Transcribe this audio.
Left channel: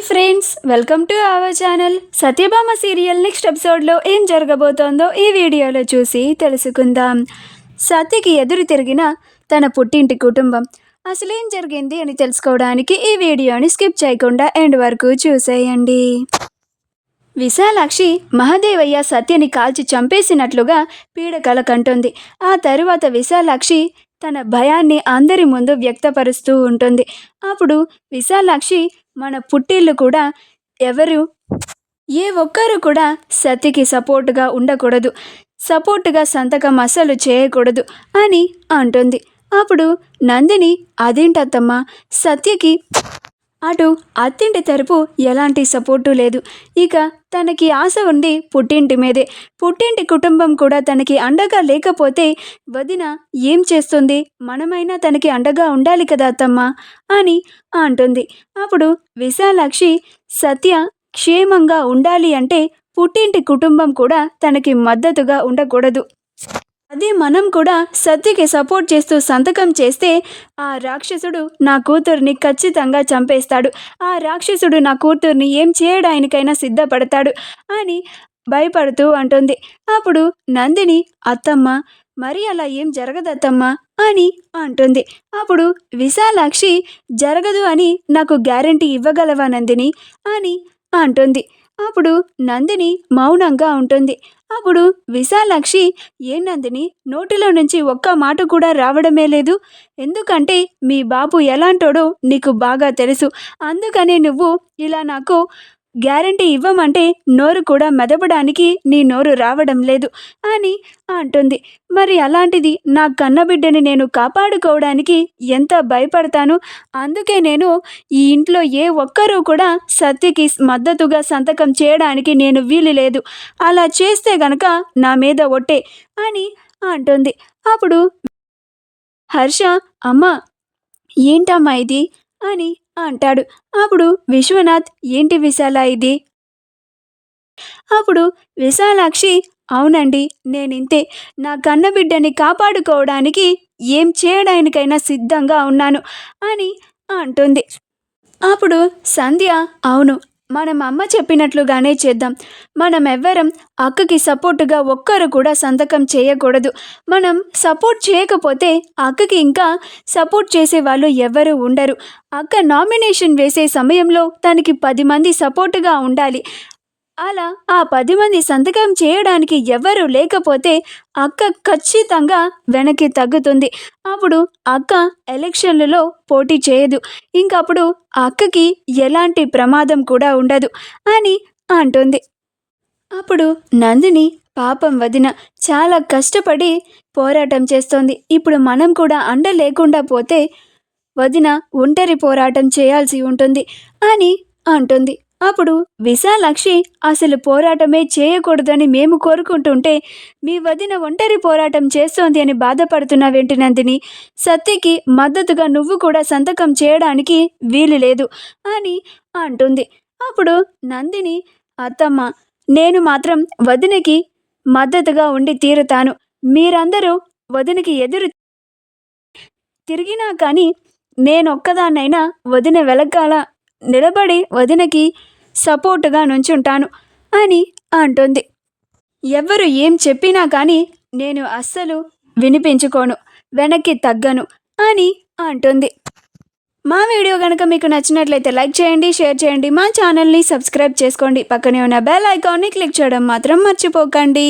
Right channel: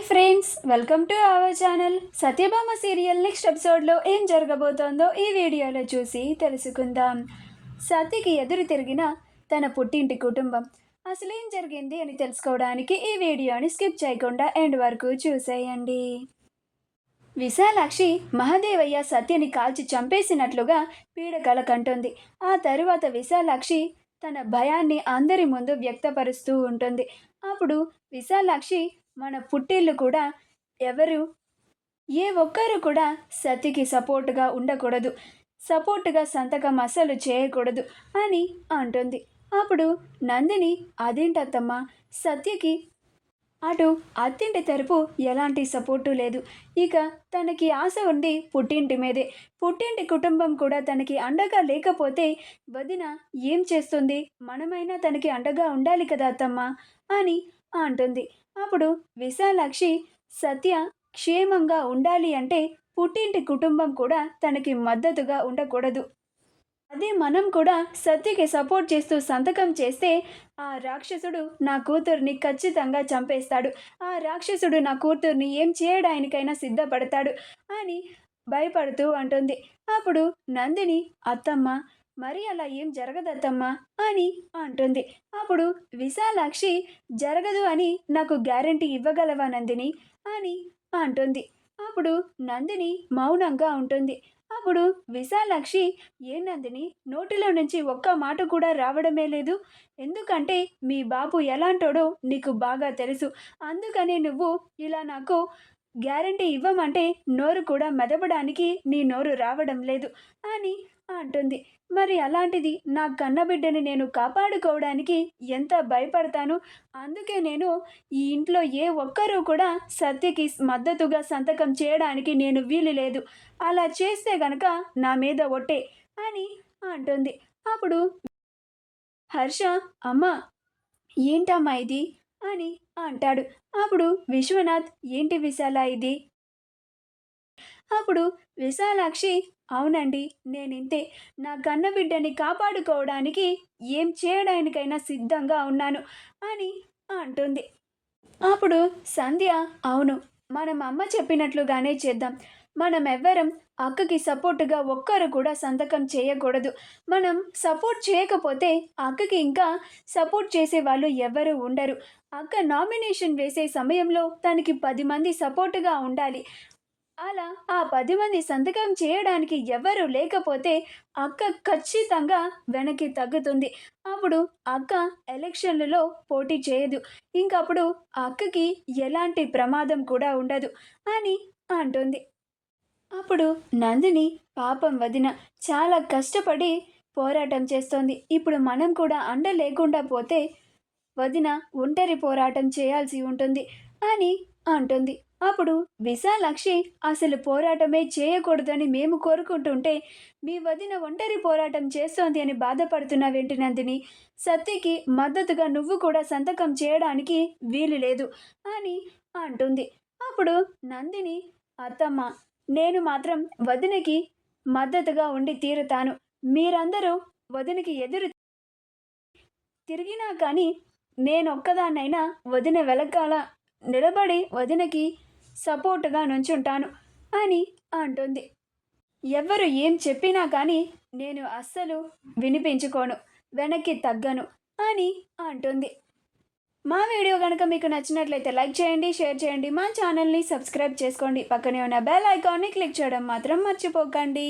Hi friends, welcome to our channel. Satyabhama serial next ఎపిసోడ్లో ఏం జరగబోతోందో ఈ వీడియోలో చూసి తెలుసుకుందాం. సత్యకి ఎదురు తిరిగిన తన పుట్టింటి కుటుంబం అసలేం జరిగింది అని తెలుసుకోవడానికి ఈ వీడియోని స్కిప్ చేయకుండా ఎండ్ వరకు చూసేయండి. విశాలాక్షి మహాదేవయ్య సత్యని కాల్చి చంపేసినట్లుగా పీడకల కంటుంది. ఆ తరువాత విశాలాక్షి తన భయాన్ని అందరి ముందు వ్యక్తపరుస్తూ ఉంటుంది. అప్పుడు విశాలాక్షి మన పుట్టిల్లు కూడా ఏ ఒక్కరు కూడా సత్యకి సపోర్టుగా ఉండకూడదు, సపోర్టుగా సంతకం అస్సలు చేయకూడదు అని అంటుంది. అప్పుడు నందిని అదేంటత్తమ్మా, సత్యకి అటు అత్తింటి తరపు ఎలాంటి సపోర్టు లేదు, ఇక తనకి ఆశ ఉంది పుట్టింటి మీదే, పుట్టింటి కుటుంబం కూడా తనకి అండగా లేకపోతే వదిన ఏం చేస్తుంది, మనమైనా తనకి అండగా ఉండాలి కదా అత్తమ్మా అని అంటుంది. అప్పుడు విశాలాక్షి సత్య క్షేమంగా ఉండాలి అంటే పుట్టింటి కుటుంబం కూడా తనకి మద్దతుగా ఉండకూడదు, అదే మనం కూడా సత్యకి సపోర్ట్ చేస్తూ సంతకం చేస్తే ఆ రాక్షసుడు నా కూతుర్ని ఖచ్చితంగా చంపేస్తాడు, ఆ రాక్షసుడు నా కూతుర్ని ఏం చేయడానికైనా సిద్ధపడతాడు అని భయపడుతూ అంటుంది. అప్పుడు నందిని అత్తమ్మ మరి అలా ఏం జరగదత్తమ్మా అని అంటుంది. అప్పుడు విశాలాక్షి జరగదు అని నాకు గ్యారంటీ ఇవ్వగలవా నందిని అని అంటుంది. అప్పుడు నందిని మౌనంగా ఉంటుంది. అప్పుడు విశాలాక్షి ఏం నందిని, నోటిలో నుంచి ఒక్క మాట కూడా రావడమే లేదు, ఎందుకంటే మీ బాబు ఎలాంటోడో నీకు బాగా తెలుసు, అందుకని నువ్వు ఇలా నాకు గ్యారంటీ ఇవ్వమంటే నోరు కూడా మెదపడానికి నీ నోరు రావడం లేదు అని అంటుంది. మరి అలాంటిది నా కన్నబిడ్డని నేను కాపాడుకోవడానికి ఎంత భయపడతాను, అందుకే నేను ఈ ఇంట్లో ఏ ఒక్కరూ కూడా సత్యకి మద్దతుగా సంతకం చేయడానికి నేను వీలు లేదు, అలా చేస్తే గనక నా మీద ఒట్టే అని అంటుంది. అప్పుడు హర్ష అమ్మ ఏంటమ్మా ఇది అని అంటాడు. అప్పుడు విశ్వనాథ్ ఏంటి విశాల ఇది? అప్పుడు విశాలాక్షి అవునండి నేనింతే, నా కన్నబిడ్డని కాపాడుకోవడానికి ఏం చేయడానికైనా సిద్ధంగా ఉన్నాను అని అంటుంది. అప్పుడు సంధ్య అవును, మనం అమ్మ చెప్పినట్లుగానే చేద్దాం, మనం ఎవ్వరం అక్కకి సపోర్టుగా ఒక్కరు కూడా సంతకం చేయకూడదు, మనం సపోర్ట్ చేయకపోతే అక్కకి ఇంకా సపోర్ట్ చేసే వాళ్ళు ఎవరు ఉండరు, అక్క నామినేషన్ వేసే సమయంలో తనకి 10 మంది సపోర్టుగా ఉండాలి, అలా ఆ 10 మంది సంతకం చేయడానికి ఎవరు లేకపోతే అక్క ఖచ్చితంగా వెనక్కి తగ్గుతుంది, అప్పుడు అక్క ఎలక్షన్లలో పోటీ చేయదు, ఇంకప్పుడు అక్కకి ఎలాంటి ప్రమాదం కూడా ఉండదు అని అంటుంది. అప్పుడు నందిని పాపం వదిన చాలా కష్టపడి పోరాటం చేస్తోంది, ఇప్పుడు మనం కూడా అండ లేకుండా పోతే వదిన ఒంటరి పోరాటం చేయాల్సి ఉంటుంది అని అంటుంది. అప్పుడు విశాలాక్షి అసలు పోరాటమే చేయకూడదని మేము కోరుకుంటుంటే మీ వదిన ఒంటరి పోరాటం చేస్తోంది అని బాధపడుతున్నావేంటి నందిని, సత్యకి మద్దతుగా నువ్వు కూడా సంతకం చేయడానికి వీలు లేదు అని అంటుంది. అప్పుడు నందిని అత్తమ్మ నేను మాత్రం వదినకి మద్దతుగా ఉండి తీరుతాను, మీరందరూ వదినకి ఎదురు తిరిగినా కానీ నేనొక్కదాన్నైనా వదిన వెలకాల నిలబడి వదినకి సపోర్టుగా నుంచుంటాను అని అంటుంది. ఎవ్వరు ఏం చెప్పినా కానీ నేను అస్సలు వినిపించుకోను, వెనక్కి తగ్గను అని అంటుంది. మా వీడియో కనుక మీకు నచ్చినట్లయితే లైక్ చేయండి, షేర్ చేయండి, మా ఛానల్ని సబ్స్క్రైబ్ చేసుకోండి, పక్కనే ఉన్న బెల్ ఐకాన్ని క్లిక్ చేయడం మాత్రం మర్చిపోకండి.